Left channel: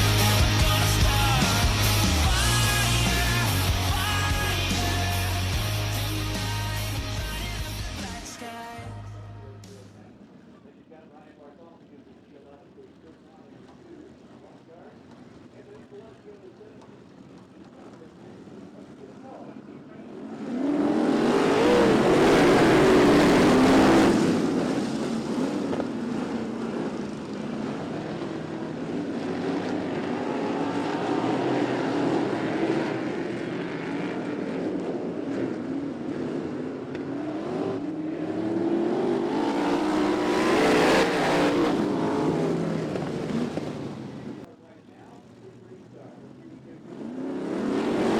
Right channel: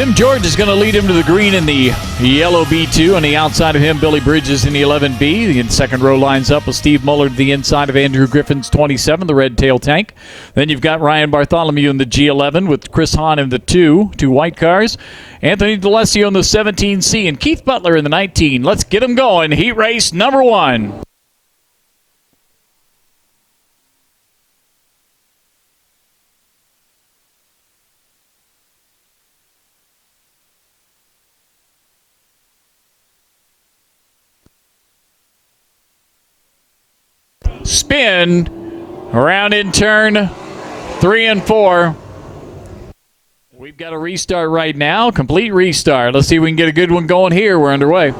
Tim George is going to lead him to the green in the yellow B2. On the outside of him, Billy Bridges in the 11B. The second row lines up with Steve Muller to the inside of Andrew Griffin's 27, the red tail tank. Then you've got Ryan Bartholomew in the G11 with Chris Hahn in the two white cars. Anthony D'Alessio in the 17C and Keith Butler in the 19. Let's get them going. Heat race number 1. Spin around in turn 3 and 4. We've got a restart right now, complete restart. Let's see if we can get a good one going here. We're underway.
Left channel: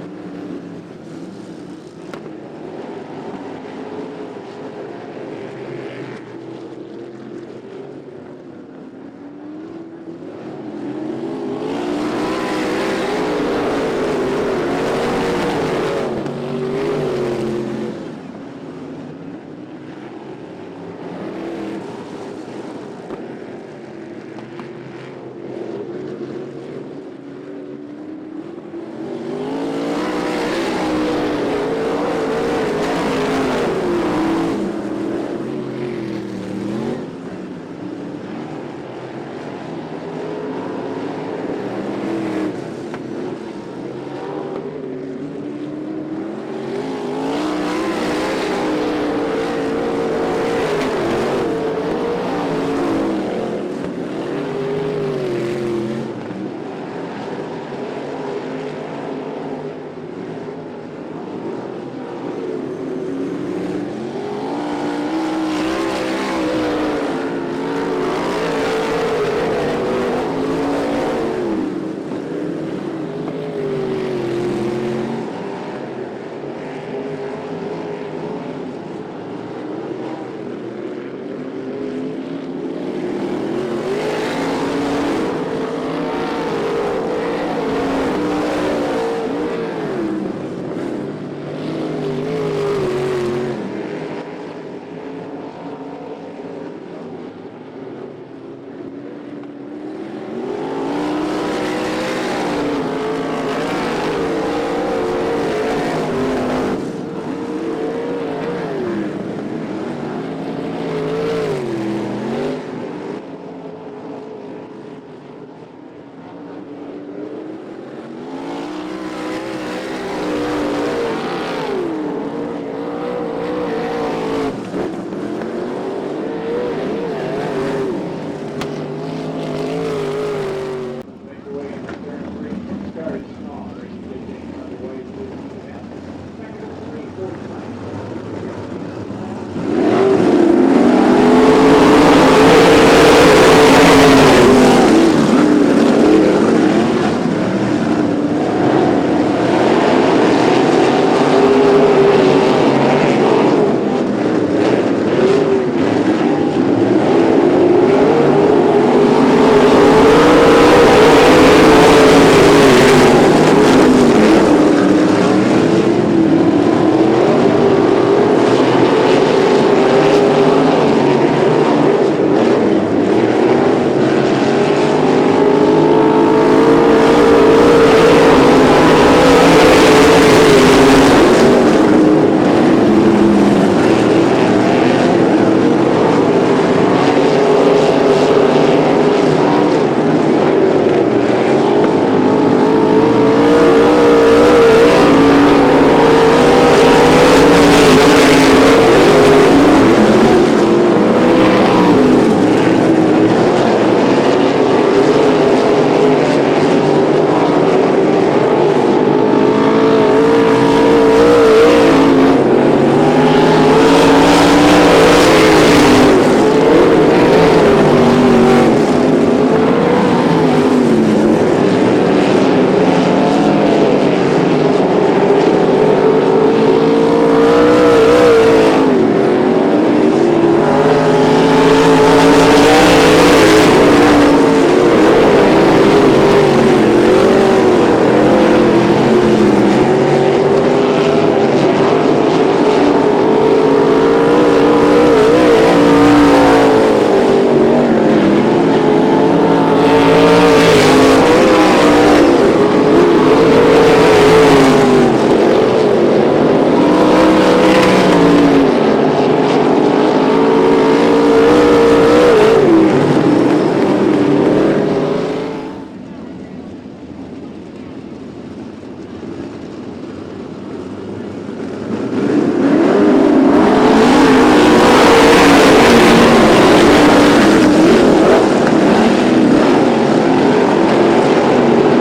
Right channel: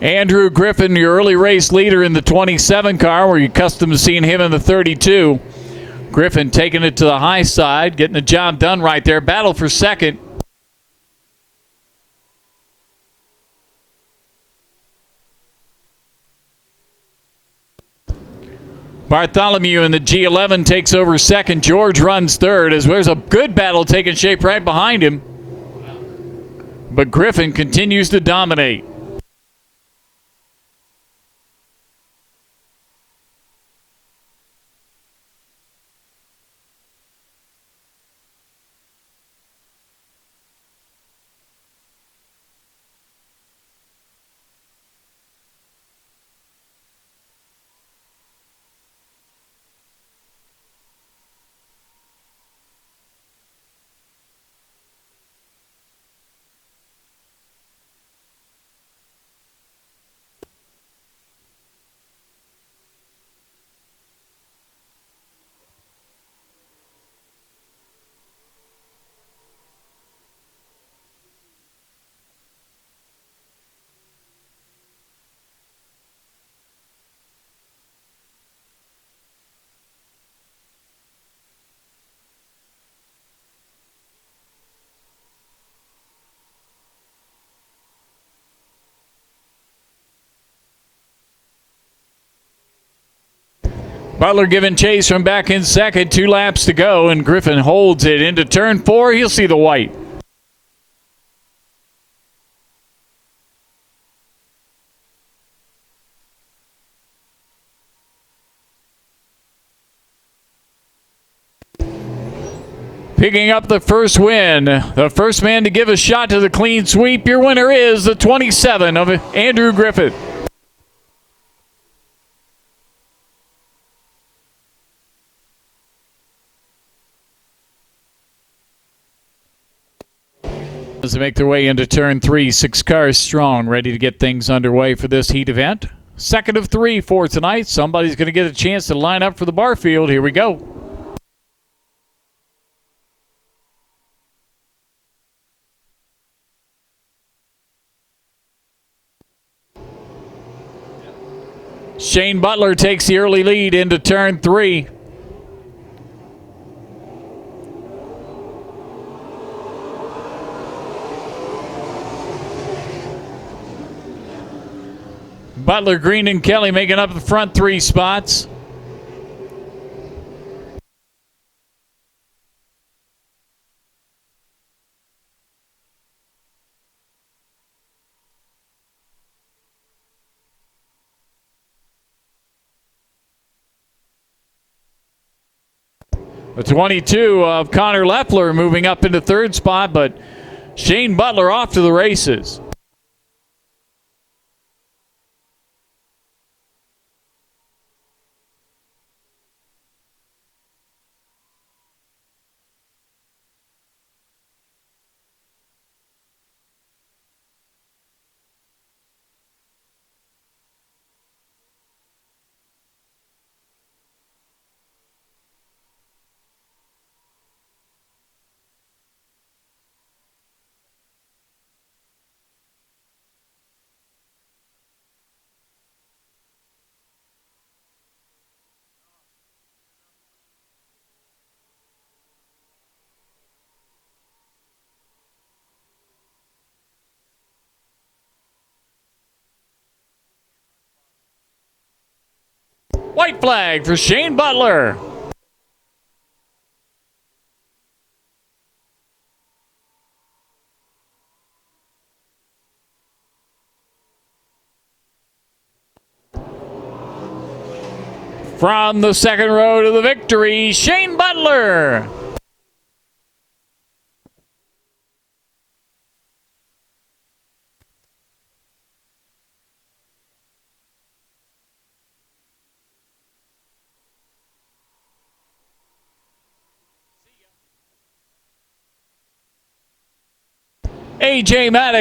Andrew Griffin, your early race leader in the 27 car. We're accustomed to seeing him in the 32. Griffin taking it to the high side, getting the job done right there. Battle for second. Bartholomew in the G11 takes over second. George runs third as there's a good battle taking shape right behind him. But Griffin continues to dominate. Butler giving chase from back in second. 2 laps to go, and Griffin holds it into turn 4. He'll see the white. Picking up the first win. The first man to give a shot to the clean sweep. Your winner is the 27 of Andrew Griffin. As they make their way into turn 3, 6 cars strong, ready to get things underway for this heat event. Second of 3 for tonight. Somebody's going to get a chance to line up for the bar field. Here we go. Shane Butler takes the early lead into turn 3. Green and Kelly making up the front 3 spots. Connor Leffler moving up into 3rd spot, but Shane Butler off to the races.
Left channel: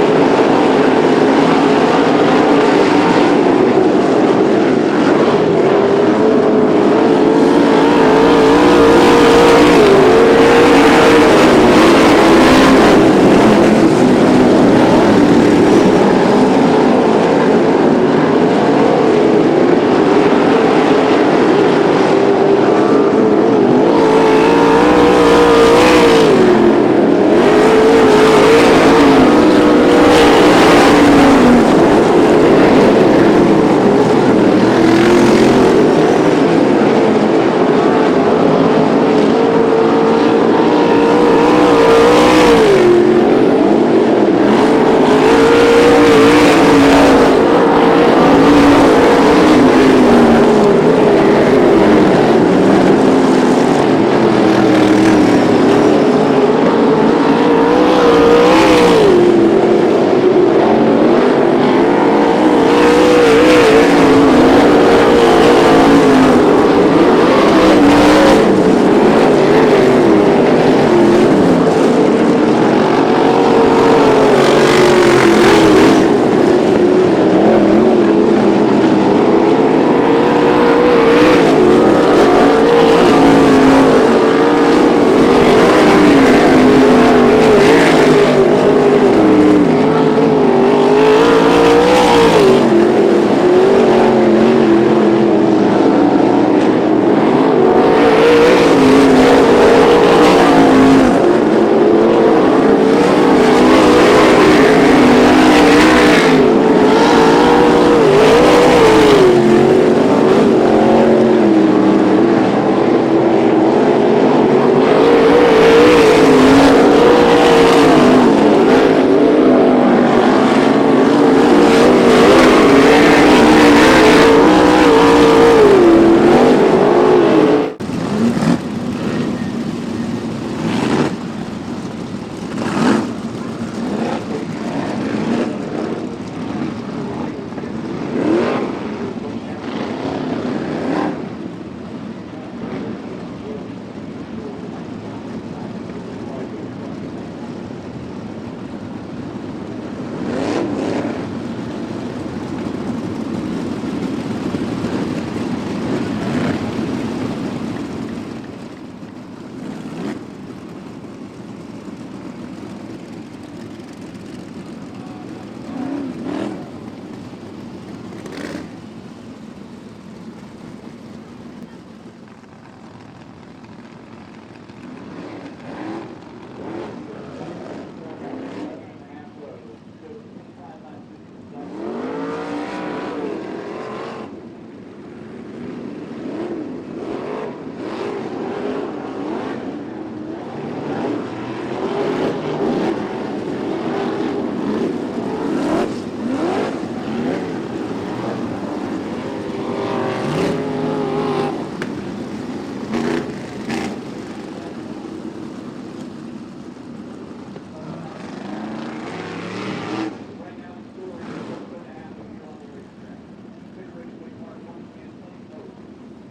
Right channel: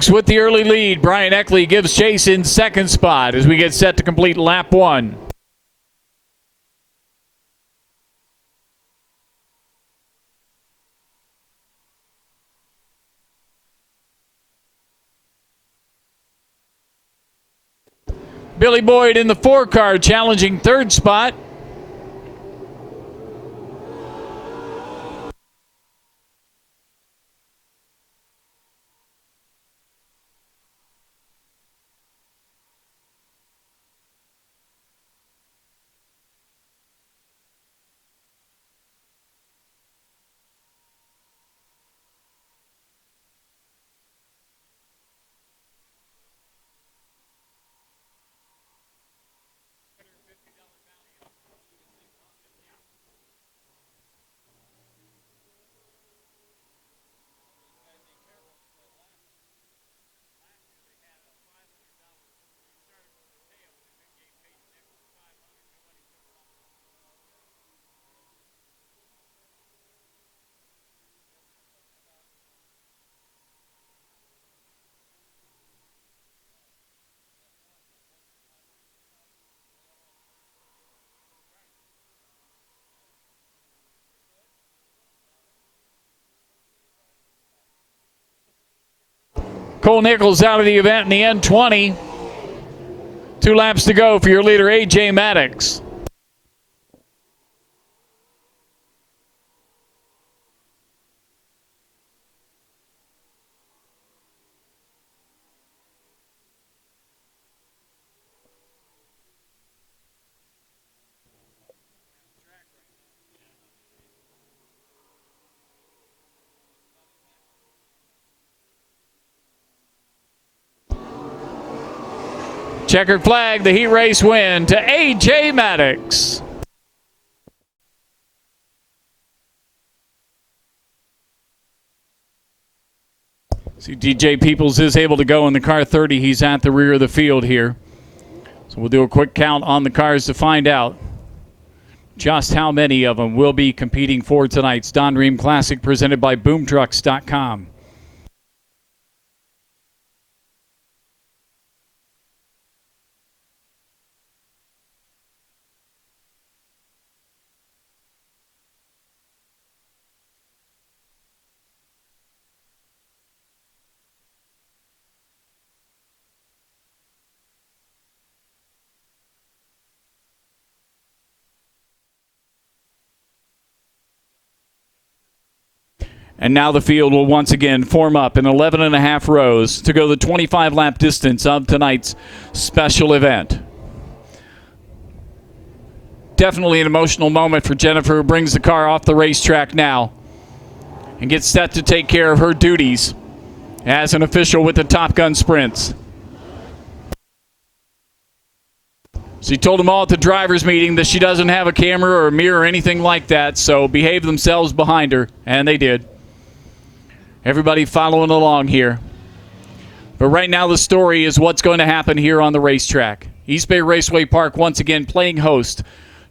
Maddox with the early lead. Brian Eckley gives Jason second spot as we get set to complete lap 1. Billy Boyd in the 4-car challenging third spot. Out of the event in the end, 20. 2 laps to go for your leader, A.J. Maddox. DJ Peoples is able to go in the car 30. He's at the rear of the field here. So we'll do a quick count on the cars to find out just how many of them will be competing for tonight's Don Rehm Classic presented by BoomTrucks.com. And now the field will once again form up in 11 and a half rows to go the 25-lap distance of tonight's special event. Definitely an emotional moment for Jennifer, who brings the car off the racetrack now and gets set to take care of her duties as an official with the Top Gun Sprints. She told them all at the driver's meeting that she doesn't have a camera or a mirror or anything like that, so behave themselves behind her, and they did. Everybody following along here. But right now the story is what's going to happen here on the racetrack. East Bay Raceway Park once again playing host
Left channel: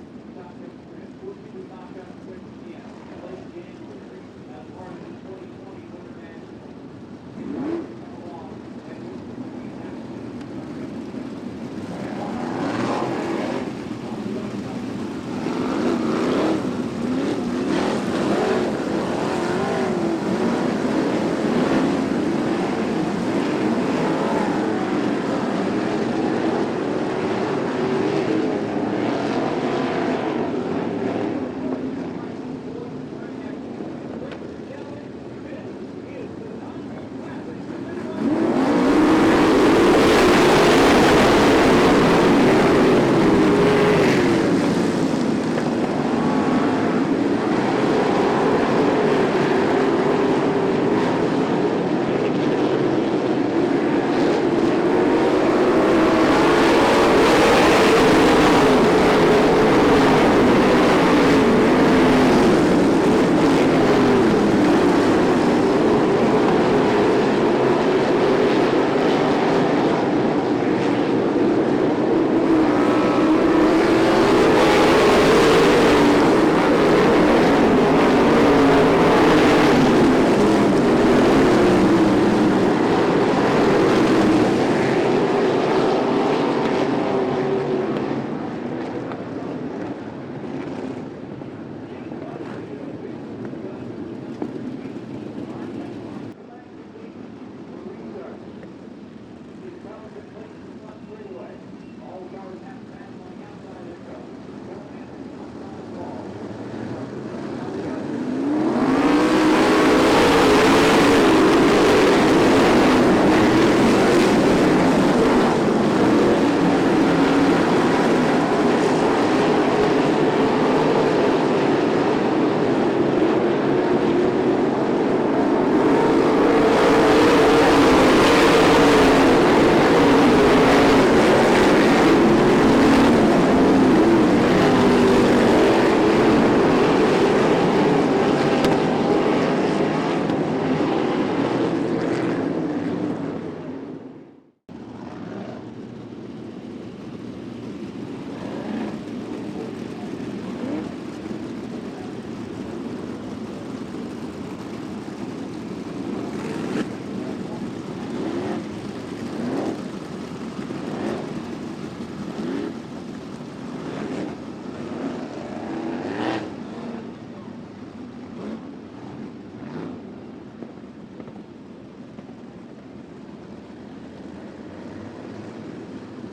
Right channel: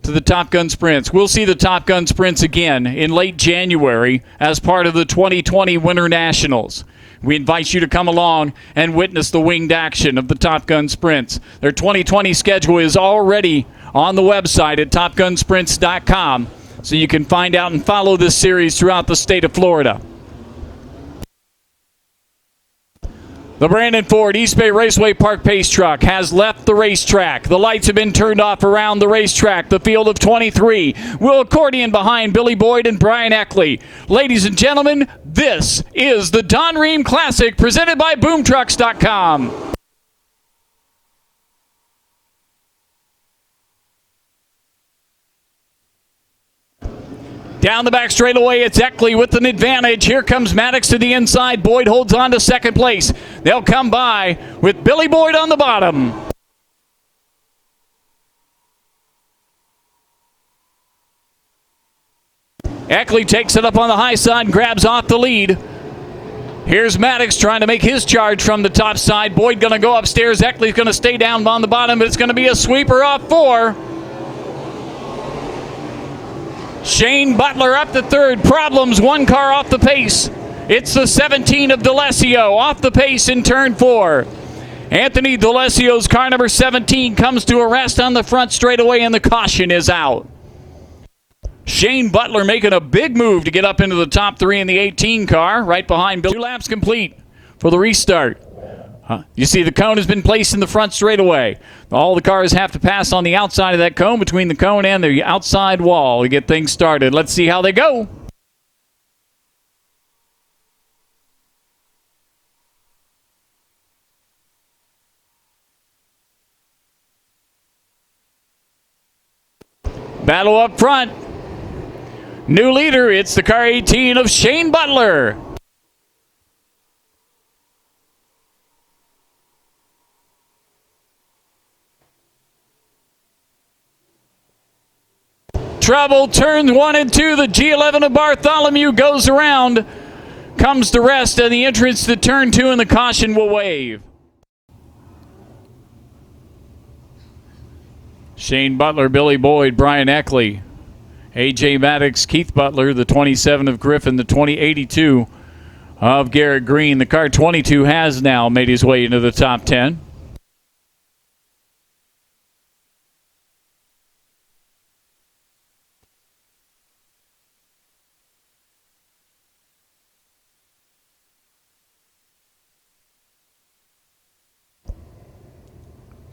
to the Top Gun Sprints. We'll see the Top Gun Sprints again in late January as part of the 2020 Winter Nationals. We invite you to come along and witness the winged action of the Top Gun Sprints. Their 2020 schedule is already on the website at TopGunSprints.com, so you can find out and follow this series throughout the state of Florida. The Brandon Ford East Bay Raceway Park Pace Truck has left the racetrack. The lights have been turned off around the racetrack. The field of 23 will accordion behind Billy Boyd and Brian Eckley. Ladies and gentlemen, this is the Don Rehm Classic presented by BoomTrucks.com. Down the back straightaway, it's Eckley with an advantage. Here comes Maddox to the inside. Boyd holds on to second place. They'll come by with Billy Boyd on the bottom. Eckley takes it up on the high side and grabs off the lead. Here's Maddox trying to make his charge from the top side. Boyd going to go upstairs. Eckley's going to stay down on the bottom. It's going to be a sweeper off 4. Shane Butler up to third. Problems, one car off the pace. It's the 17 of D'Alessio off the pace in turn 4. Anthony D'Alessio's car number 17 comes to a rest on the front straightaway, and the caution is out. Shane Butler making a big move to get up into the top 3 in the 18 car, right behind Bill. 2 laps complete for the restart. You see the cone has been placed in the front straightaway. All the cars have to pass on the outside of that cone, between the cone and the outside wall, to get things started. Let's see how they go. Battle up front. New leader, it's the car 18 of Shane Butler. Trouble, turns 1 and 2. The G11 of Bartholomew goes around. Comes to rest at the entrance to turn 2, and the caution will wave. Shane Butler, Billy Boyd, Brian Eckley, A.J. Maddox, Keith Butler, the 27 of Griffin, the 2082 of Garrett Green. The car 22 has now made his way into the top 10.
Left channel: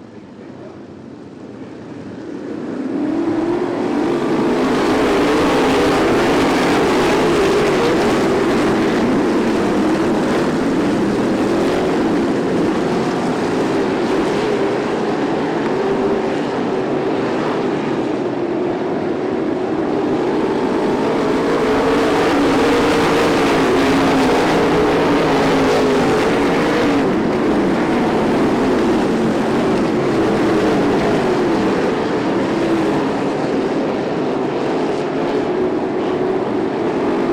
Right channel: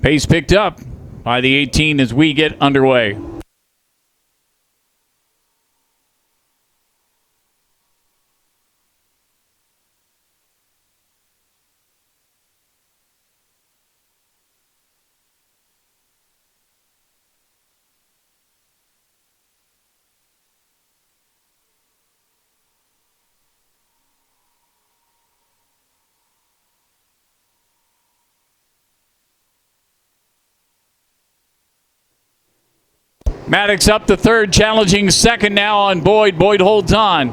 Pace picked up by the 18 as we get underway. Maddox up to third, challenging second now on Boyd. Boyd holds on.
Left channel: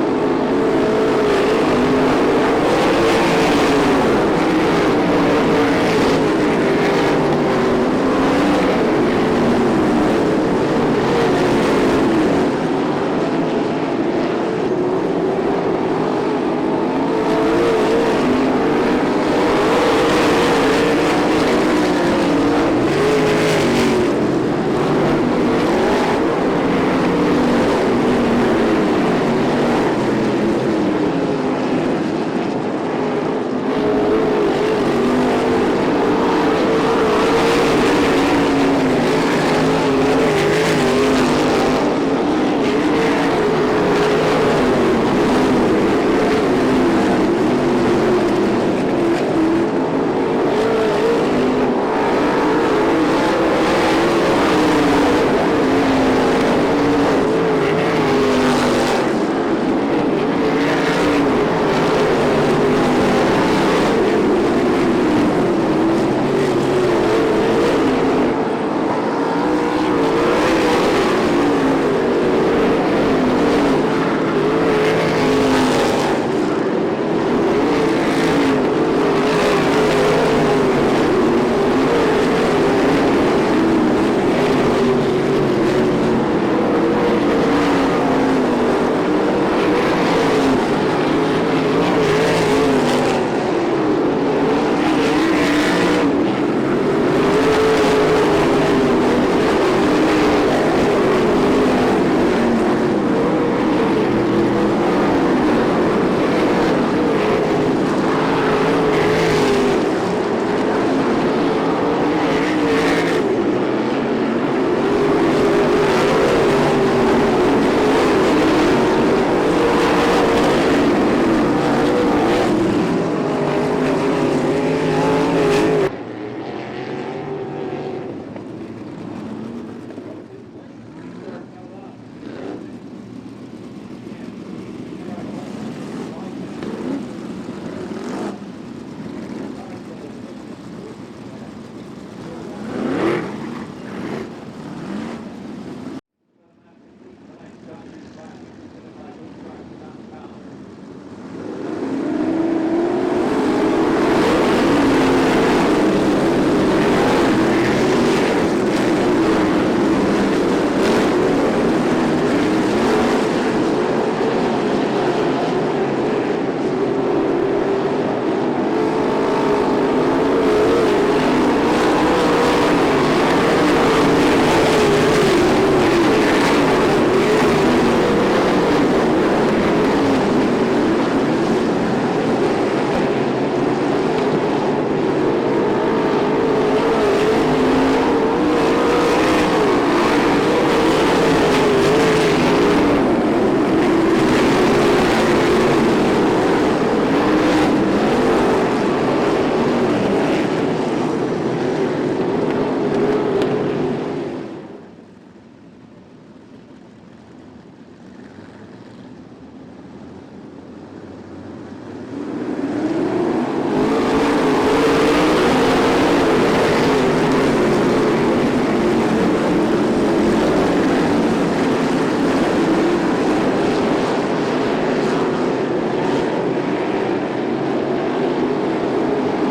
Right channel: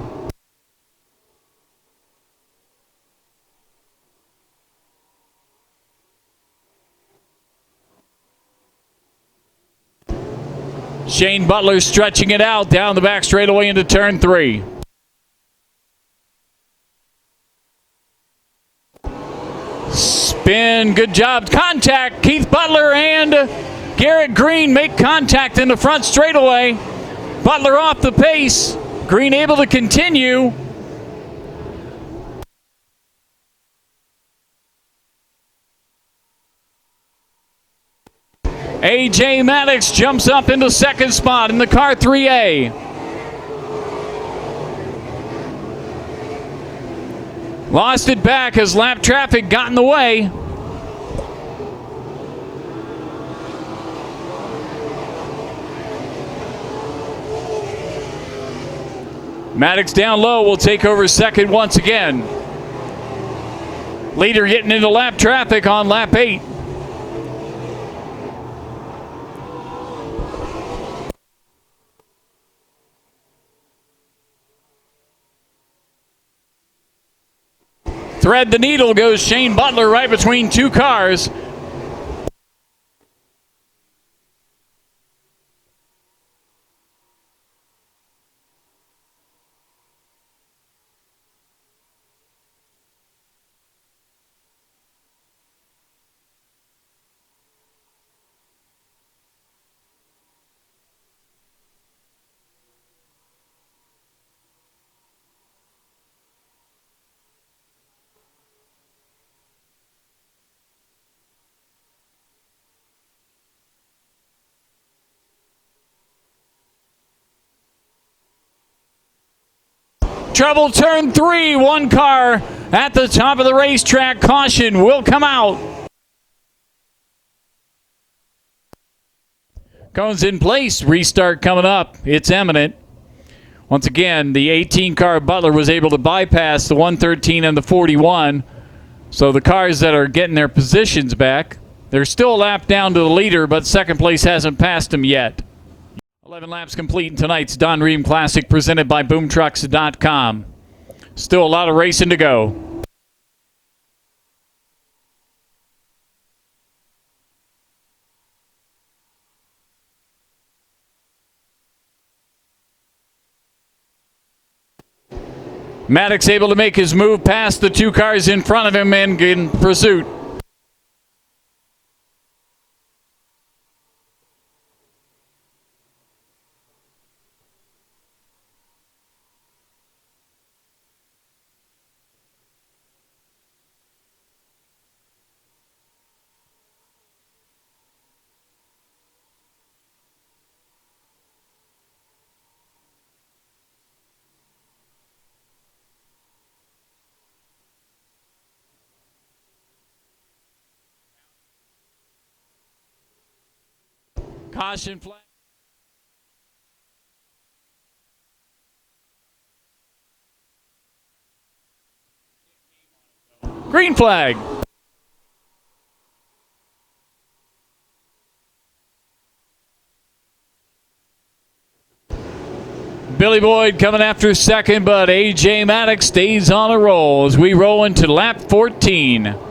Shane Butler stretching it out down the back straightaway into turn 3. Spin, good job. Contact, Keith Butler and Garrett Green make contact in the front straightaway. Butler off the pace. Green able to continue. A.J. Maddox jumps up into second spot in the car 3A. Lost it back as lap traffic got in the way. Maddox down low will take over second once again. Leader hitting into lap traffic on lap 8. Thread the needle goes Shane Butler right between 2 cars. Trouble, turn 3, 1 car at the top of the racetrack. Caution will come out. Cones in place, restart coming up. It's imminent. Once again, the 18 car Butler was able to bypass the 113 and the 41. So the cars that are getting their positions back, they're still a lap down to the leader, but second place hasn't passed him yet. 11 laps complete in tonight's Don Rehm Classic presented by BoomTrucks.com. Still a lot of racing to go. Maddox able to make his move past the 2 cars in front of him and in pursuit. Green flag. Billy Boyd coming after second, but A.J. Maddox stays on a roll as we roll into lap 14.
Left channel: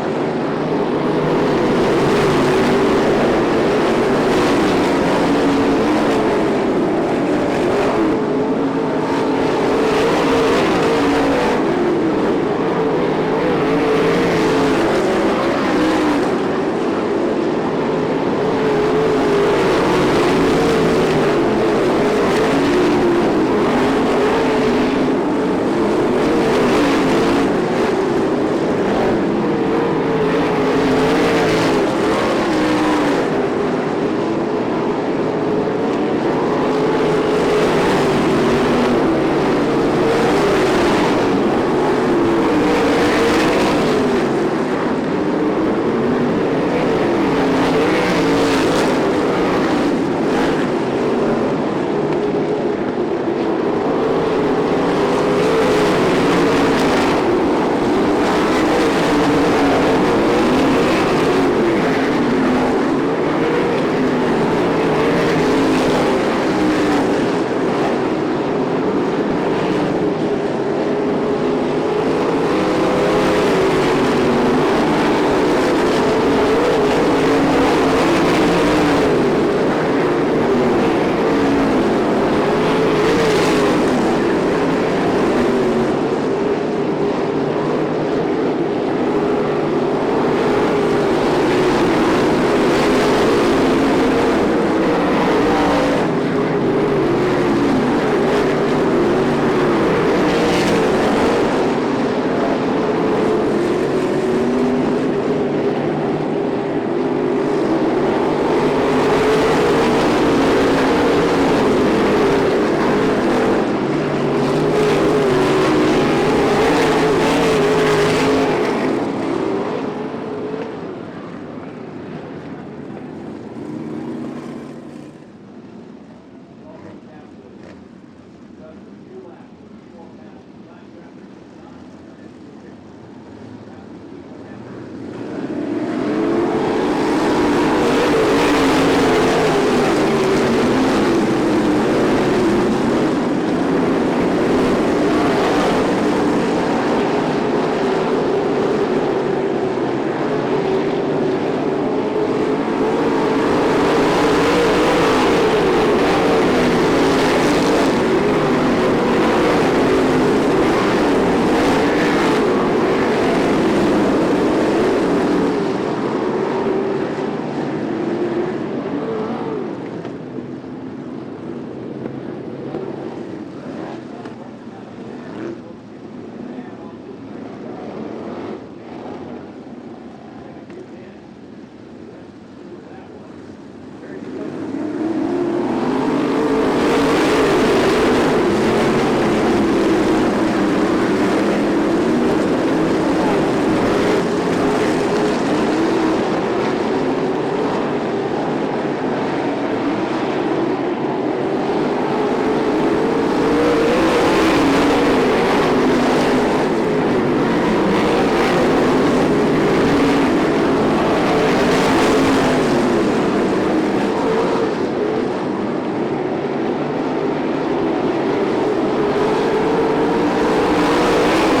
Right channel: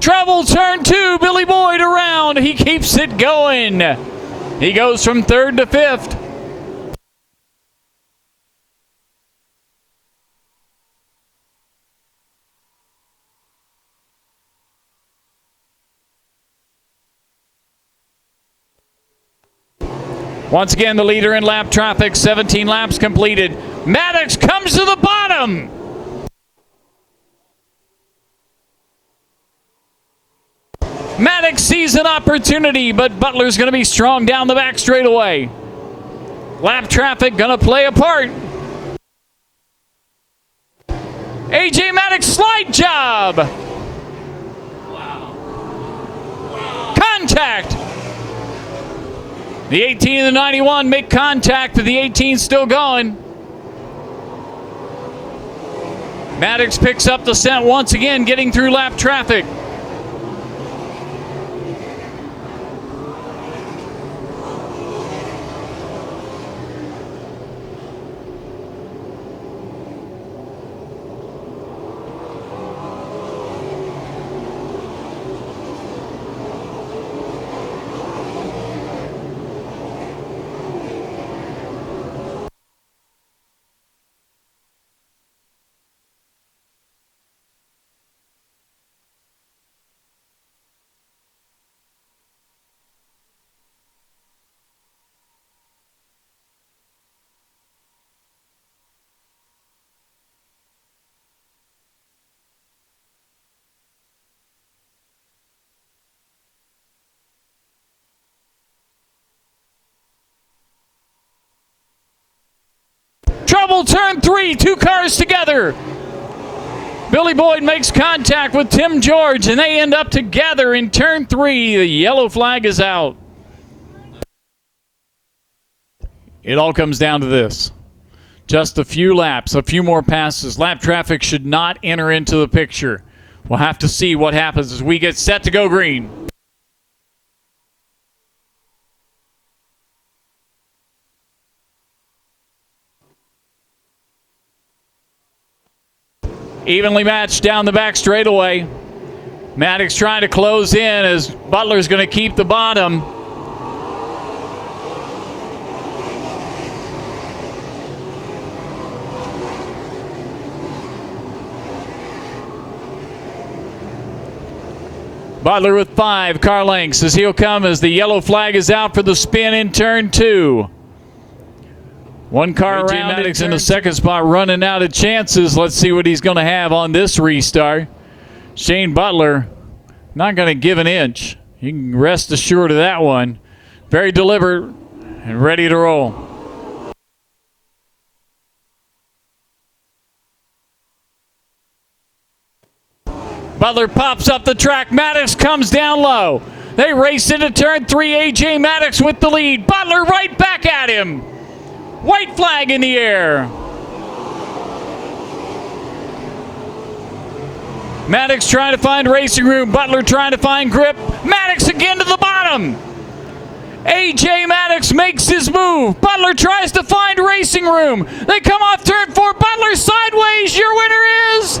Trouble turn 2, Billy Boyd around. He keeps it going. He goes from 3rd to 5th. Once again, the leader in lap traffic, 17 laps completed. Maddox comes to the bottom. Maddox sees an opportunity, but Butler's going to be strong down the back straightaway. Lap traffic going to play a part. A.J. Maddox, slide job. Contact. The 18 and the 91 make contact, but the 18 still going. Maddox picks up the set once again, getting through lap traffic. Turn 3, 2 cars together. Billy Boyd makes contact with Tim George, and they end up together in turn 3. The yellow flag is out. It all comes down to this. Just a few laps, a few more passes. Lap traffic should not enter into the picture. We'll have to see what happens as we get set to go green. Evenly matched down the back straightaway. Maddox trying to close in as Butler's going to keep the bottom. Butler with 5 car lengths as he'll come as the yellow flag is out for the spin in turn 2. 1 car around. Maddox in the second spot, running out of chances. Let's see what he's going to have on this restart. Shane Butler not going to give an inch. You can rest assured of that one. Very deliberate and ready to roll. Butler pops up the track. Maddox comes down low. They race into turn 3. A.J. Maddox with the lead. Butler right back at him. White flag in the air. Maddox trying to find racing room. Butler trying to find grip. Maddox again to the bottom. A.J. Maddox makes his move. Butler tries to find racing room. They come off turn 4. Butler sideways. Your winner is...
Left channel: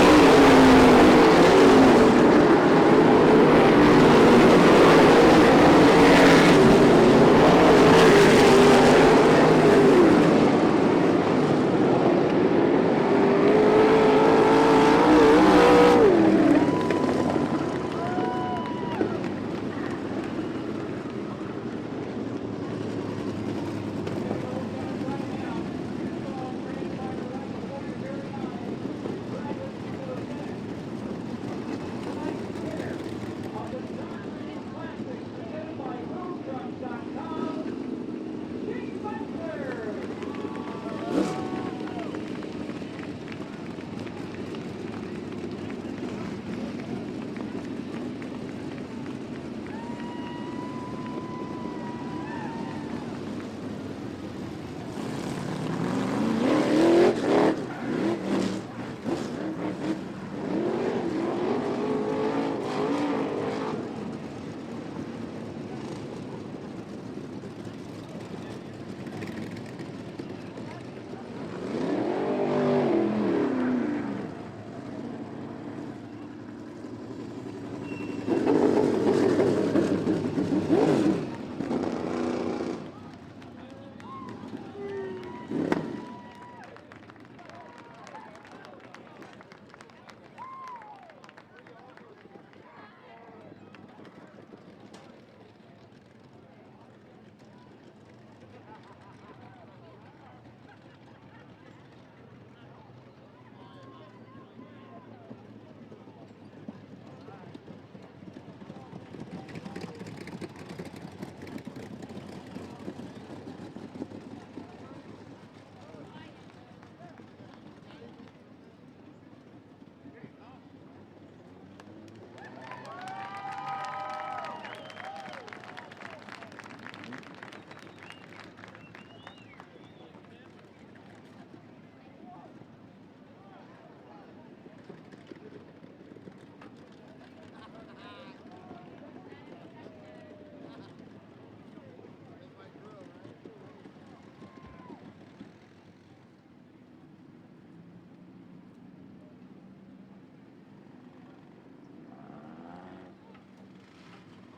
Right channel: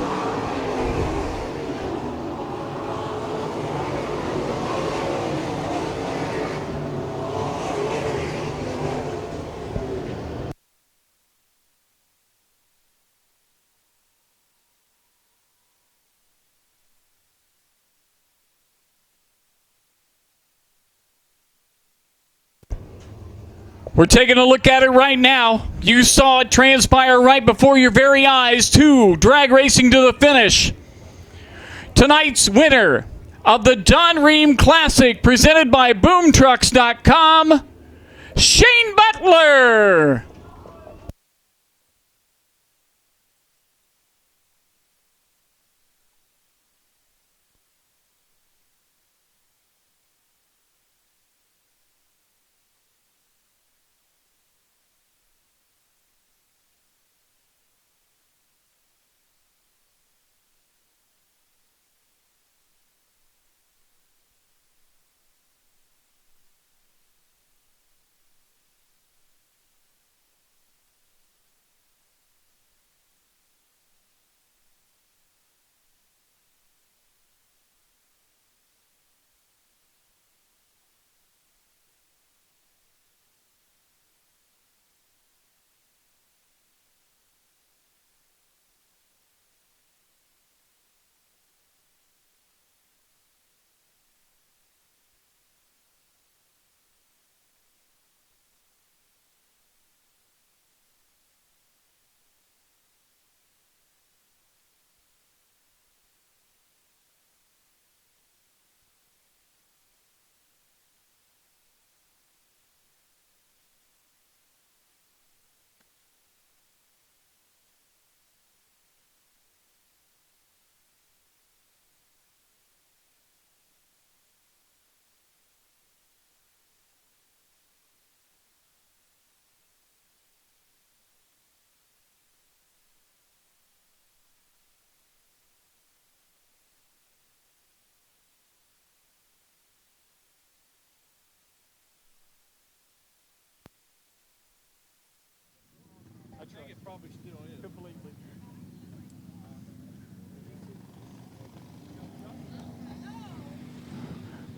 We're taking a look at it right now. You saw it transpire right before your very eyes. 2 drag racing to the finish. Tonight's winner of the Don Rehm Classic presented by BoomTrucks.com, Shane Butler.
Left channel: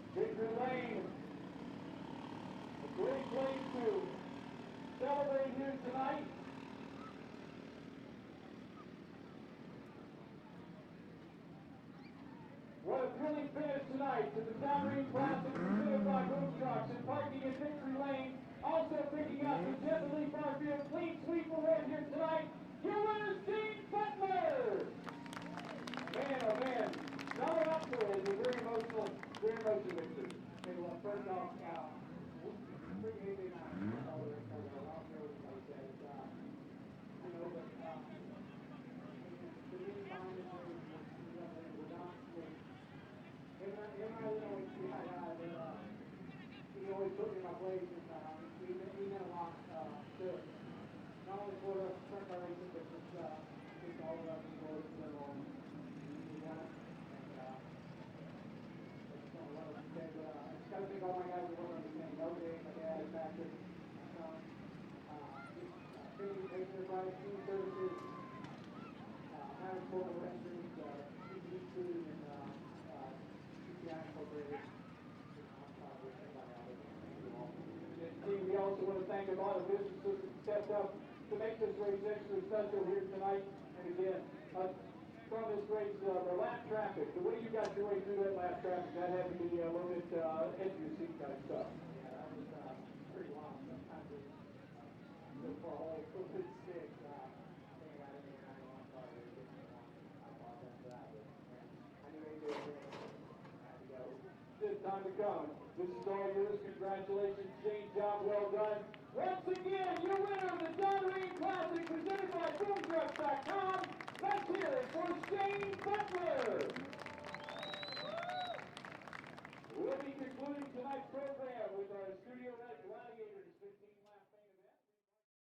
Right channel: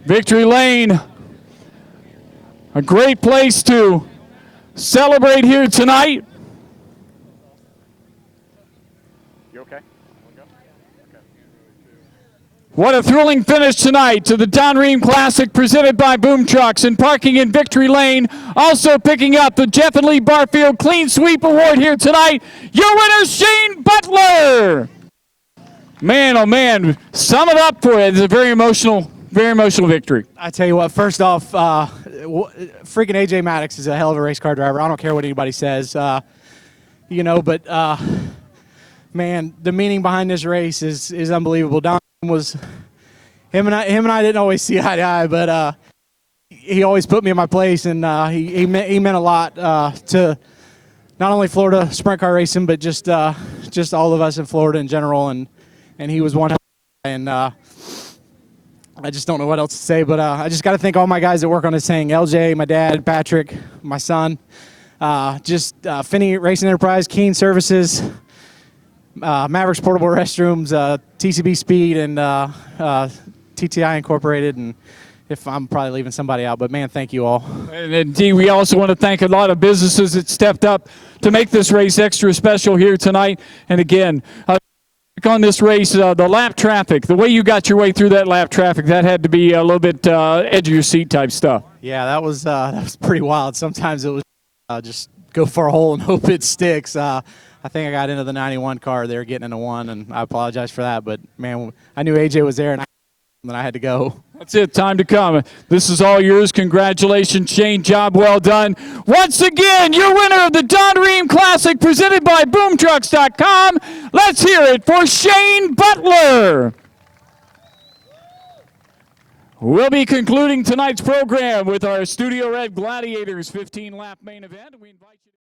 Victory Lane, a great place to celebrate here tonight. You okay? What a thrilling finish tonight to the Don Rehm Classic presented by Boom Trucks, and parking in Victory Lane, also picking up the Jeff and Lee Barfield Clean Sweep Award here tonight. Your winner, Shane Butler. Man, oh man, sum it up for you. It's a very emotional victory. I tell you what, first off, freaking A.J. Maddox is a hell of a race car driver. I don't care what anybody says, but man, the meaning behind this race is unbelievable. Don was him and I didn't always see eye to eye, but he always put me in my place, and he meant a lot to not only Florida sprint car racing, but just all of us in Florida in general, and he was one, and I just don't know what else to say, but I just got to thank all my guys that work on this thing. LJ, my dad, Patrick, my son, Finney Racing Enterprise, Keen Services, Mavericks Portable Restrooms, TCB Speed, and TTI Incorporated, and if I'm probably leaving somebody out, but man, thank you all. And indeed, we also want to thank a lot of businesses that stepped up to make this race extra special here tonight. And again, on this race, the lap traffic, the way you got your way through that lap traffic, that had to be a little bit edge of your seat type stuff. Yeah, that was pretty wild. Sometimes it was just go for a hole and hope it sticks. I think I got into the 91 car. They were getting into one, and I apologize for that. But, man, I knew AJ was there, and then I had to go. That's it. Time to come. This is all yours. Congratulations, Shane. Job well done. Once again, your winner of the Don Rehm Classic presented by BoomTrucks.com. Let's hear it for Shane Butler. We'll be concluding tonight's program with our Studio Red Gladiators 15-lap main event.